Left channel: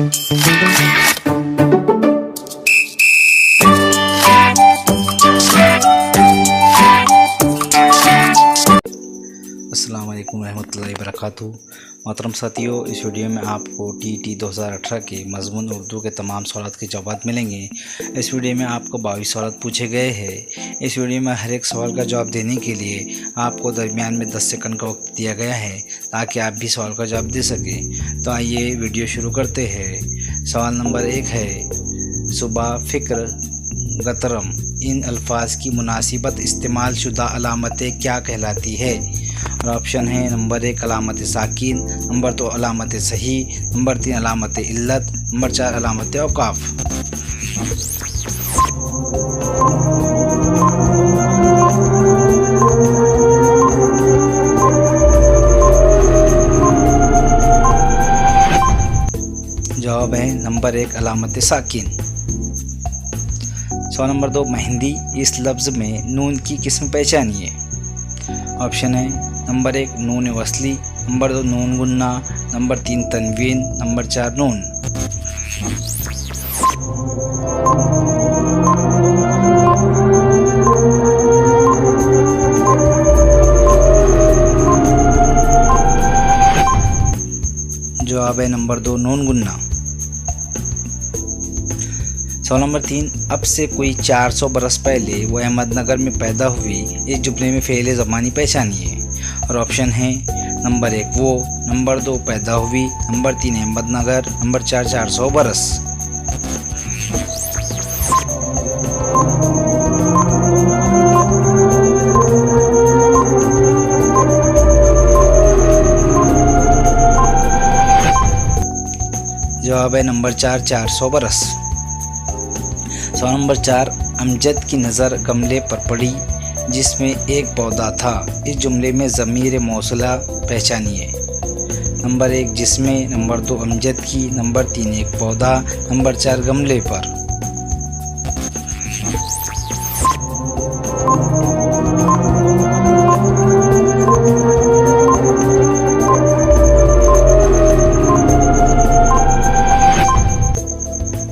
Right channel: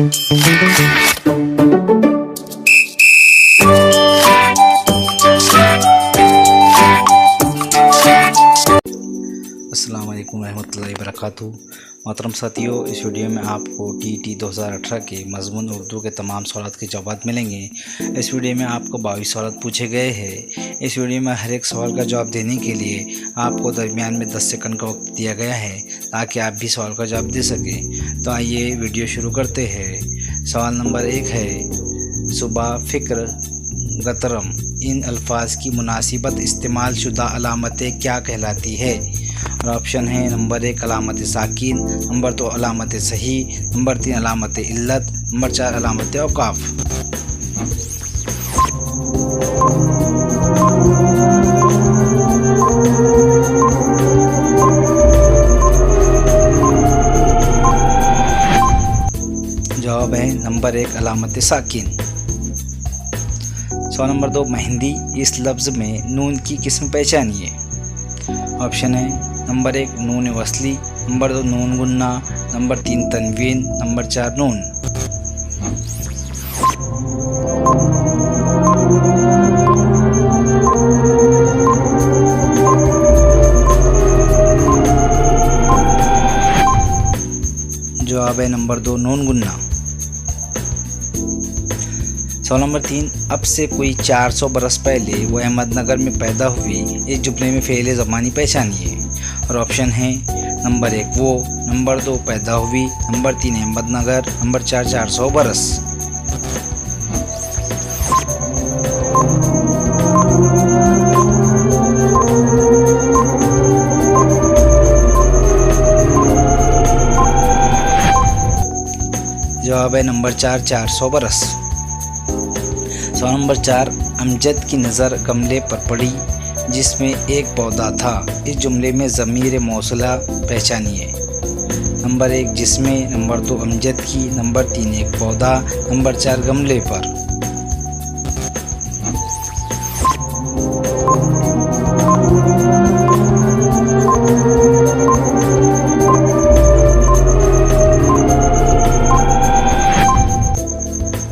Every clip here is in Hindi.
अस्सलाम वालेकुम रहमतुल्लाहि वबरकातुहू। मोहतरम साथियों, इस वीडियो में आपको टीईटी 2018 के मज़मून उर्दू के तमाम सवालों के जवाब मिलेंगे। इस वीडियो में आपको 22 सवाल पूछे गए हैं। इस वीडियो में हर एक सवाल का जवाब देने के लिए आपको दरमियान में 10 सेकंड का वक्त दिया गया है ताकि आप भी सवाल का जवाब दे सकें। तो आइए वीडियो शुरू करते हैं। सवाल नंबर 1 है, सुबह, फ़िक्र, गतरम इन अल्फाज की मुनासिबत इस्तेमाल शुदा अलामतें क्या कहलाती है? और ऑप्शन है नंबर 1 अलामत साकिन, नंबर 2 अलामत सही, नंबर 3 अलामत इल्लत, नंबर 4 अलामत औकाफ। जवाब है नंबर 1 अलामत साकिन। सवाल नंबर 2, मेहंदी इस लफ्ज़ में नून की किस्म पहचानिए। ऑप्शन है नंबर 1 नून वसली, नंबर 2 नून गुन्ना, नंबर 3 तनवीन, नंबर 4 नून। जवाब है नंबर 2 नून गुन्ना। सवाल नंबर 3, अब से कोई 400 बरस पहले वो अहमदनगर में पैदा हुई, इस जुमले में फ़ेल ज़मानी पहचानिए। और ऑप्शन है नंबर 1 वो, नंबर 2 पैदा हुई, नंबर 3 अहमदनगर, नंबर 4 400 बरस। जवाब है नंबर 4 400 बरस। सवाल नंबर 4, अमजद की नज़र गमले पर पड़ी जिसमें एक पौधा था, इस जुमले में ज़मीर मौसूला पहचानिए। नंबर 1 जिसमें, नंबर 2 अमजद की, नंबर 3 एक पौधा, नंबर 4 गमले पर।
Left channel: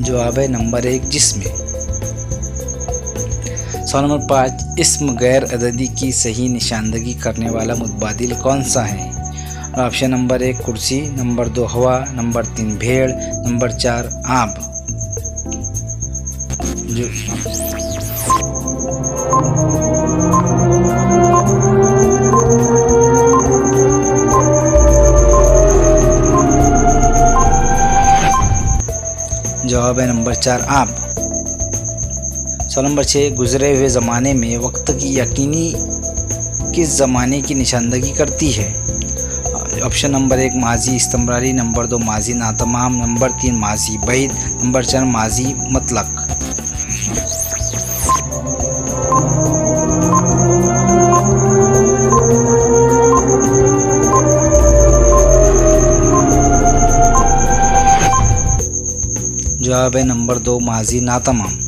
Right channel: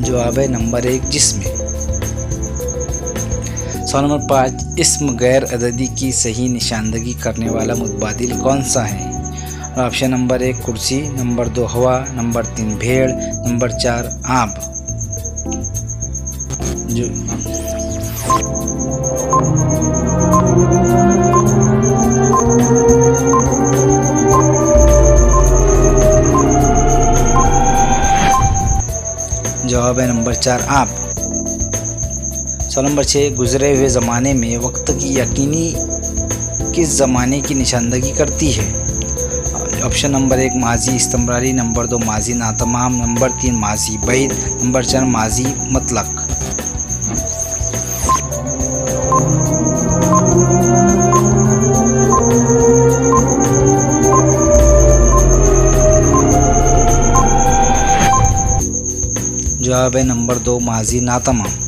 जवाब है नंबर 1 जिसमें। सवाल नंबर 5, इस्म गैर अददी की सही निशानदगी करने वाला मुतबादिल कौन सा है? ऑप्शन नंबर 1 कुर्सी, नंबर 2 हवा, नंबर 3 भेड़, नंबर 4 आब। जवाब है नंबर 4 आब। सवाल नंबर 6, गुज़रे हुए ज़माने में वक्त की यकीनी किस ज़माने की निशानदगी करती है? ऑप्शन नंबर 1 माजी इस्तमरारी, नंबर 2 माजी नातमाम, नंबर 3 माजी बैद, नंबर 4 माजी मतलक। जवाब है नंबर 2 माजी नातमाम।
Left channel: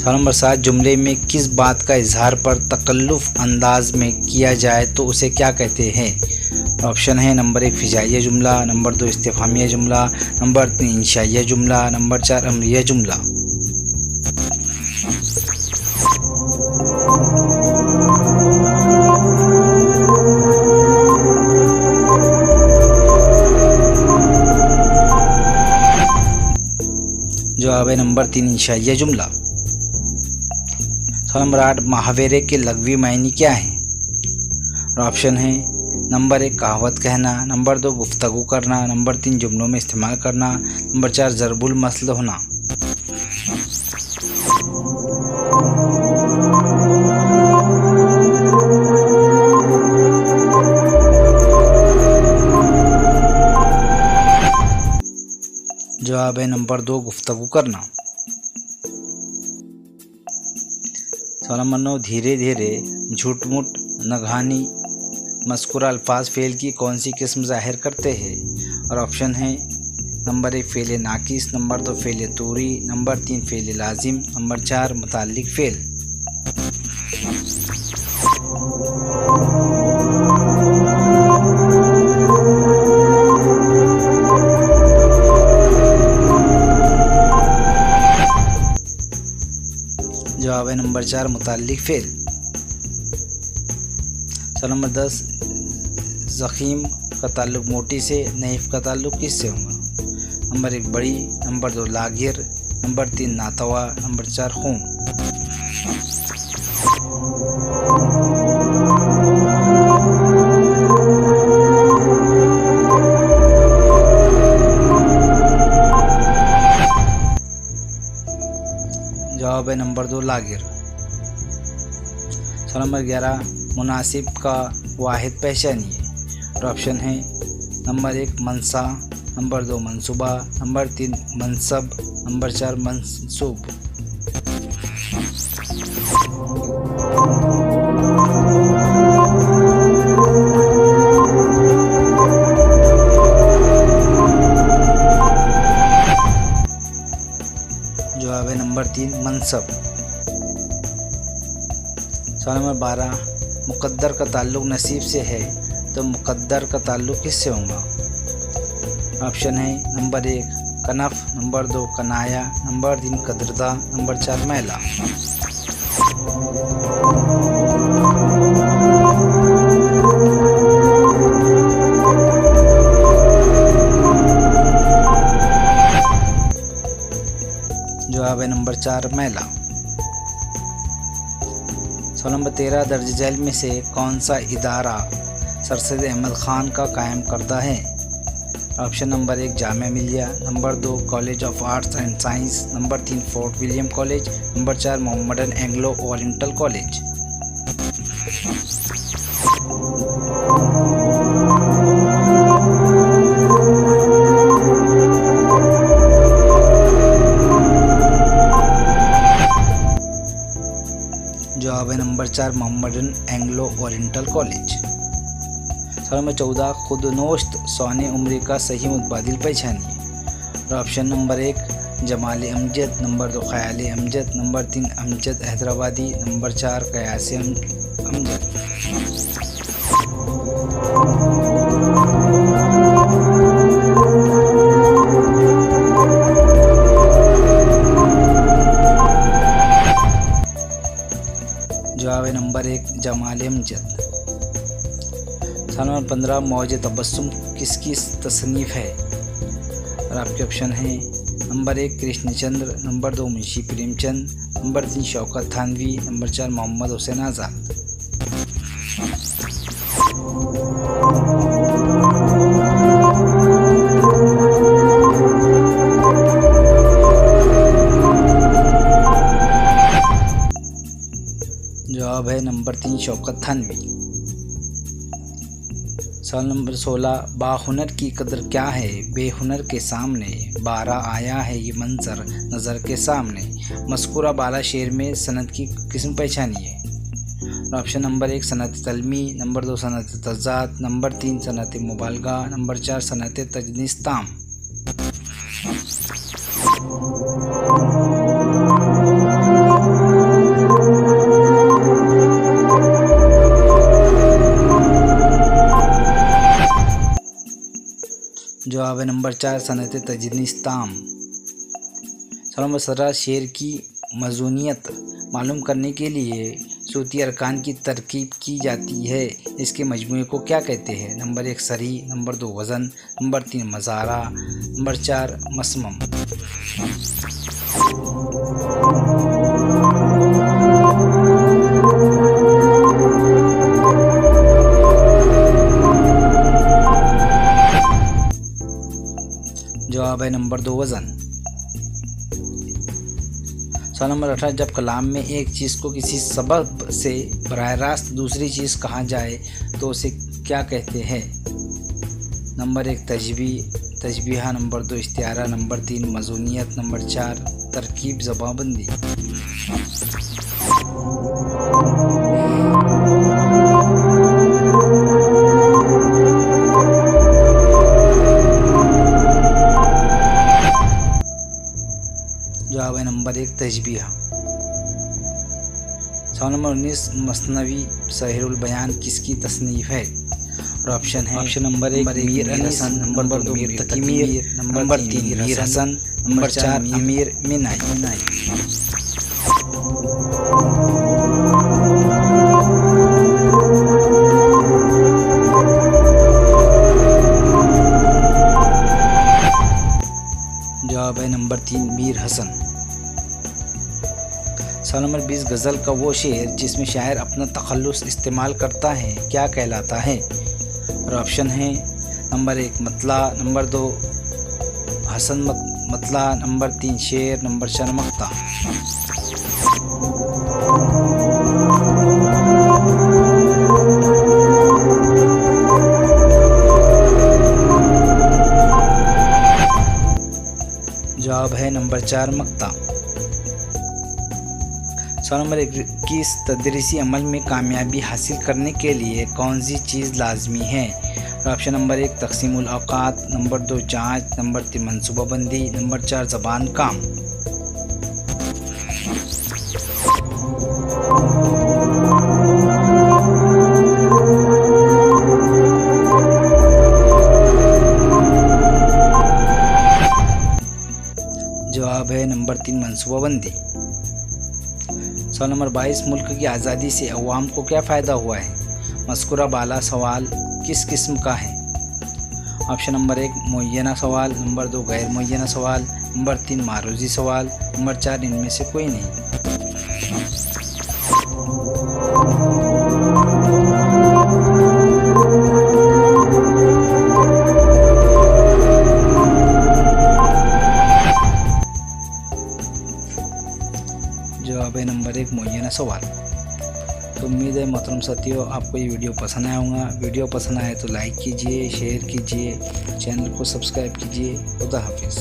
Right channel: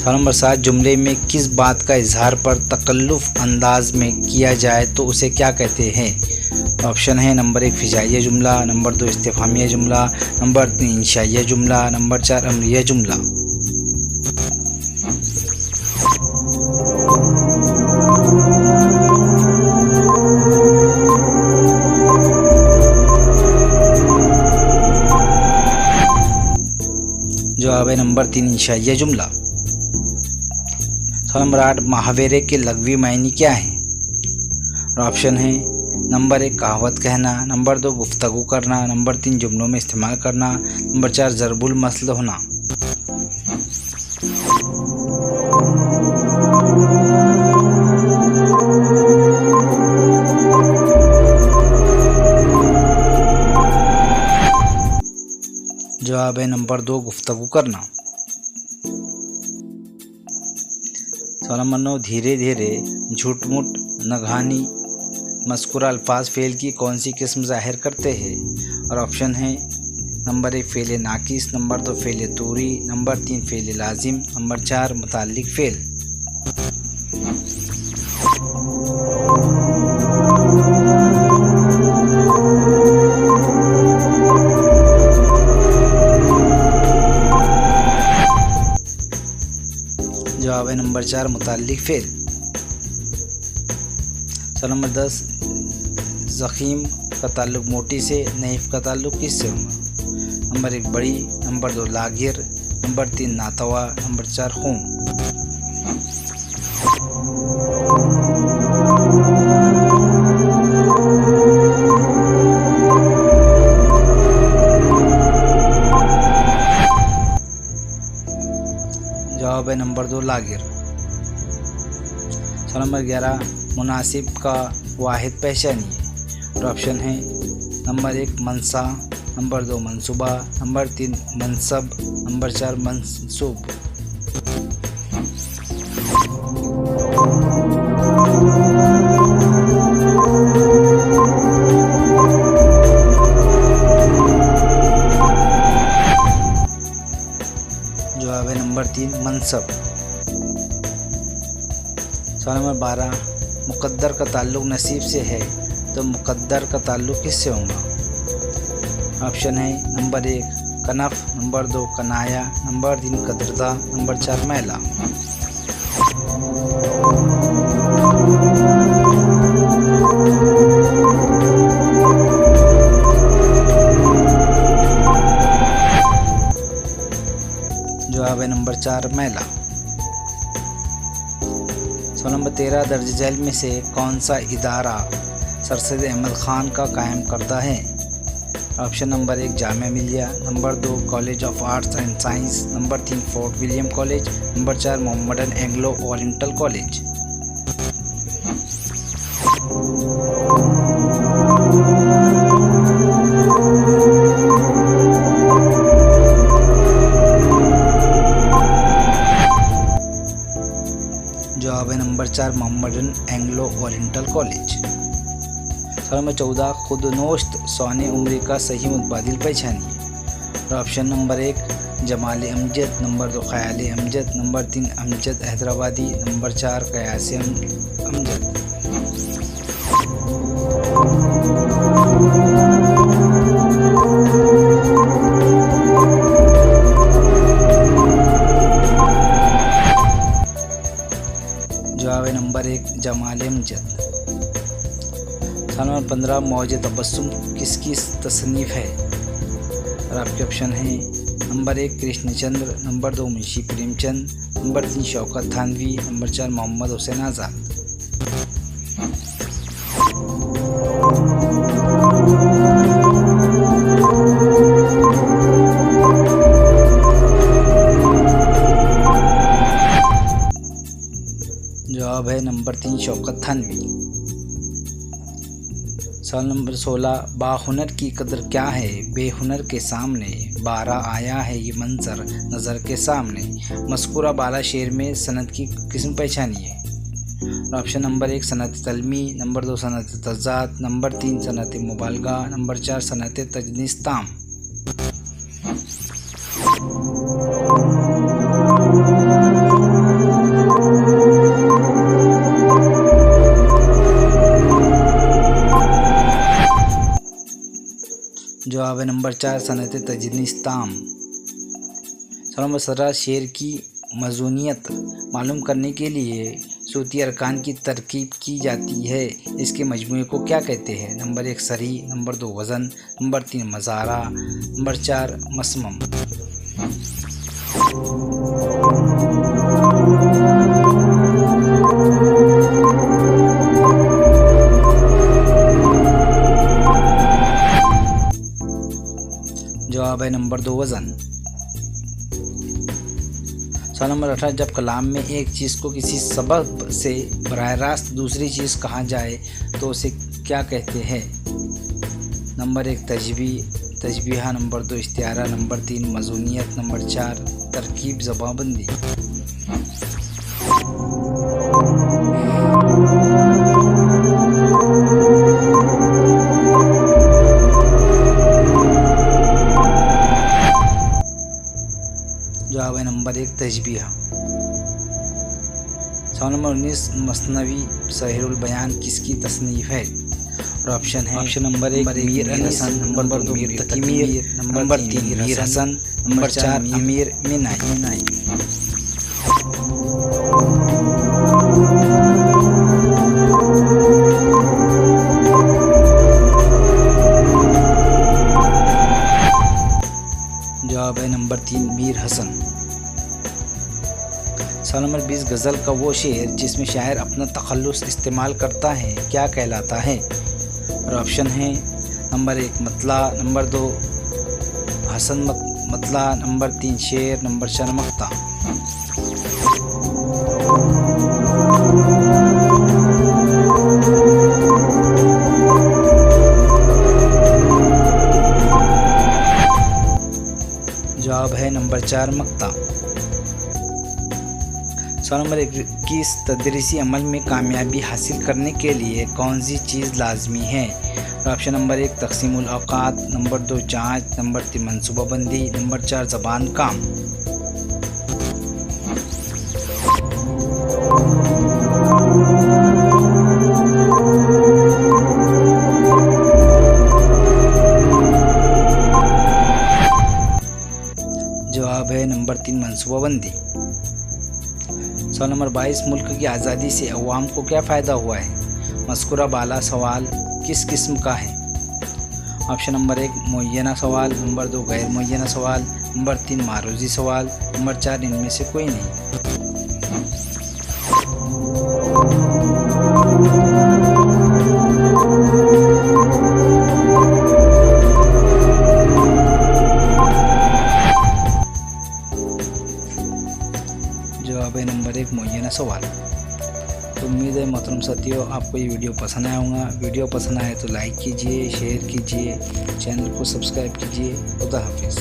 सवाल नंबर 7, जुमले में किस बात का इजहार पर तकल्लुफ़ अंदाज में किया जाए तो उसे क्या कहते हैं? ऑप्शन है नंबर 1 फ़िजाइया जुमला, नंबर 2 इस्तिफ़हामिया जुमला, नंबर 3 इंशाइया जुमला, नंबर 4 अमरिया जुमला। जवाब है नंबर 3 इंशाइया जुमला। सवाल नंबर 8, मुहावरे के लग़वी मायने क्या हैं? और ऑप्शन है नंबर 1 कहावत कहना, नंबर 2 गुफ्तगू करना, नंबर 3 जुमलों में इस्तेमाल करना, नंबर 4 ज़रबुल मसल होना। जवाब है नंबर 2 गुफ्तगू करना। सवाल नंबर 9, धीरे धीरे, झूठ-मूठ, नगहानी मज़कूरा अल्फाज फ़ेल की कौन सी किस्म ज़ाहिर करते हैं? और ऑप्शन है नंबर 1 फ़ेल नाकिस, नंबर 2 फ़ेल तूरी, नंबर 3 फ़ेल लाजिम, नंबर 4 मुताल्लिक फ़ेल। जवाब है नंबर 4 मुताल्लिक फ़ेल। सवाल नंबर 10 ज़ख़ीम का ताल्लुक़ मोटी से, नहीफ़ का ताल्लुक़ किससे होगा? नंबर 1 बड़ी, नंबर 2 लागिर, नंबर 3 नातवा, नंबर 4 खून। जवाब है नंबर 2 लागिर। सवाल नंबर 11 मुनासिब का वाहिद पहचानिए। और ऑप्शन है नंबर 1 मनसा, नंबर 2 मंसूबा, नंबर 3 मनसब, नंबर 4 मंसूब। जवाब है नंबर 3 मनसब। सवाल नंबर 12 मुक़द्दर का ताल्लुक़ नसीब से है तो मुक़द्दर का ताल्लुक़ किससे होगा? ऑप्शन है नंबर 1 कनफ, नंबर 2 कनाया, नंबर 3 कदरदा, नंबर 4 मैला। जवाब है नंबर 4 मैला। सवाल नंबर 13 दर्ज झैल में से कौन सा इदारा सर सैयद अहमद ख़ान का कायम करता है? Option number 1 Jamia Millia, number 2 college of arts and science, number 3 fort William college, number 4 Mohammedan Anglo oriental college. जवाब है number 4 Mohammedan Anglo oriental college. सवाल नंबर 14 खुदनोश्त सौने उम्र का सही मुतबादिल पहचानिए। और option number 1 Jamal Amjad, number 2 ख़याल अमजद, नंबर 3 अमजद हैदराबादी, नंबर 4 कयास अमजद। जवाब है नंबर 1 जमाल अमजद। सवाल नंबर 15 मौज तबस्सुम किसकी तसनीफ़ है? और आपके ऑप्शन हैं number 1 Krishnachandra, number 2 Munshi Premchand, number 3 Shaukat Thanvi, number 4 Mohammad Hussain आज़ाद। जवाब है नंबर 3 शौकत थानवी। सवाल नंबर 16 बाहुनर की कदर क्या है बेहुनर के सामने, 12 आया है ये मंजर नज़र के सामने। मज़कूरा बाला शेर में सनद की किस्म पहचानिए। ऑप्शन नंबर 1 सनत तलमी, नंबर 2 सनत तज़ात, नंबर 3 सनत मुबालगा, नंबर 4 सनत तजनीस्ताम। जवाब है नंबर 4 सनत तजनीस्ताम। सवाल नंबर 17 शेर की मज़ूनियत मालूम करने के लिए सूती अरकान की तरकीब की जाती है, इसके मजमूए को क्या कहते हैं? नंबर 1 सरी, नंबर 2 वज़न, नंबर 3 मज़ारा, नंबर 4 मसमम। जवाब है नंबर 2 वज़न। सवाल नंबर 18 जब कलाम में एक चीज़ को किसी सबब से बराह रास्त दूसरी चीज़ कहा जाए तो उसे क्या कहते हैं? नंबर 1 तशबीहा, नंबर 2 इस्तिआरा, नंबर 3 मज़ूनियत, नंबर 4 तरकीब ज़बाबंदी। जवाब है नंबर 1 तशबीहा। सवाल नंबर 19 मसनवी सहरुल बयान किसकी तसनीफ़ है? और ऑप्शन है option number 1 Mir Hasan, number 2 Mir Taqi Mir, number 3 Mir Hasan, number 4 Ameer Minai. जवाब है नंबर 3 मीर हसन। सवाल नंबर 20 गज़ल का वो शेर जिसमें शायर अपना तखल्लुस इस्तेमाल करता है क्या कहलाता है? और ऑप्शन है नंबर 1 मतला, नंबर 2 हसन मतला, नंबर 3 शेर, नंबर 4 मक्ता। जवाब है नंबर 4 मक्ता। सवाल नंबर 21 तदरीसी अमल में कामयाबी हासिल करने के लिए कौन सी चीज़ लाजमी है? ऑप्शन नंबर 1 तक़सीमुल औक़ात, नंबर 2 जाँच, नंबर 3 मनसूबाबंदी, नंबर 4 ज़बान काम। जवाब है नंबर 3 मनसूबाबंदी। सवाल नंबर 22 मुल्क की आज़ादी से अवाम को क्या फ़ायदा हुआ है? मज़कूरा बाला सवाल किस किस्म का है? ऑप्शन नंबर 1 मुअय्यना सवाल, नंबर 2 गैर मुअय्यना सवाल, नंबर 3 मारूज़ी सवाल, नंबर 4 इनमें से कोई नहीं। जवाब है नंबर 1 मुअय्यना सवाल। तो उम्मीद है मोहतरम साथियों आपको ये वीडियो पसंद आया होगा। वीडियो पसंद आए तो लाइक कीजिए, शेयर कीजिए, चैनल को सब्सक्राइब कीजिए। खुदा हाफिज़।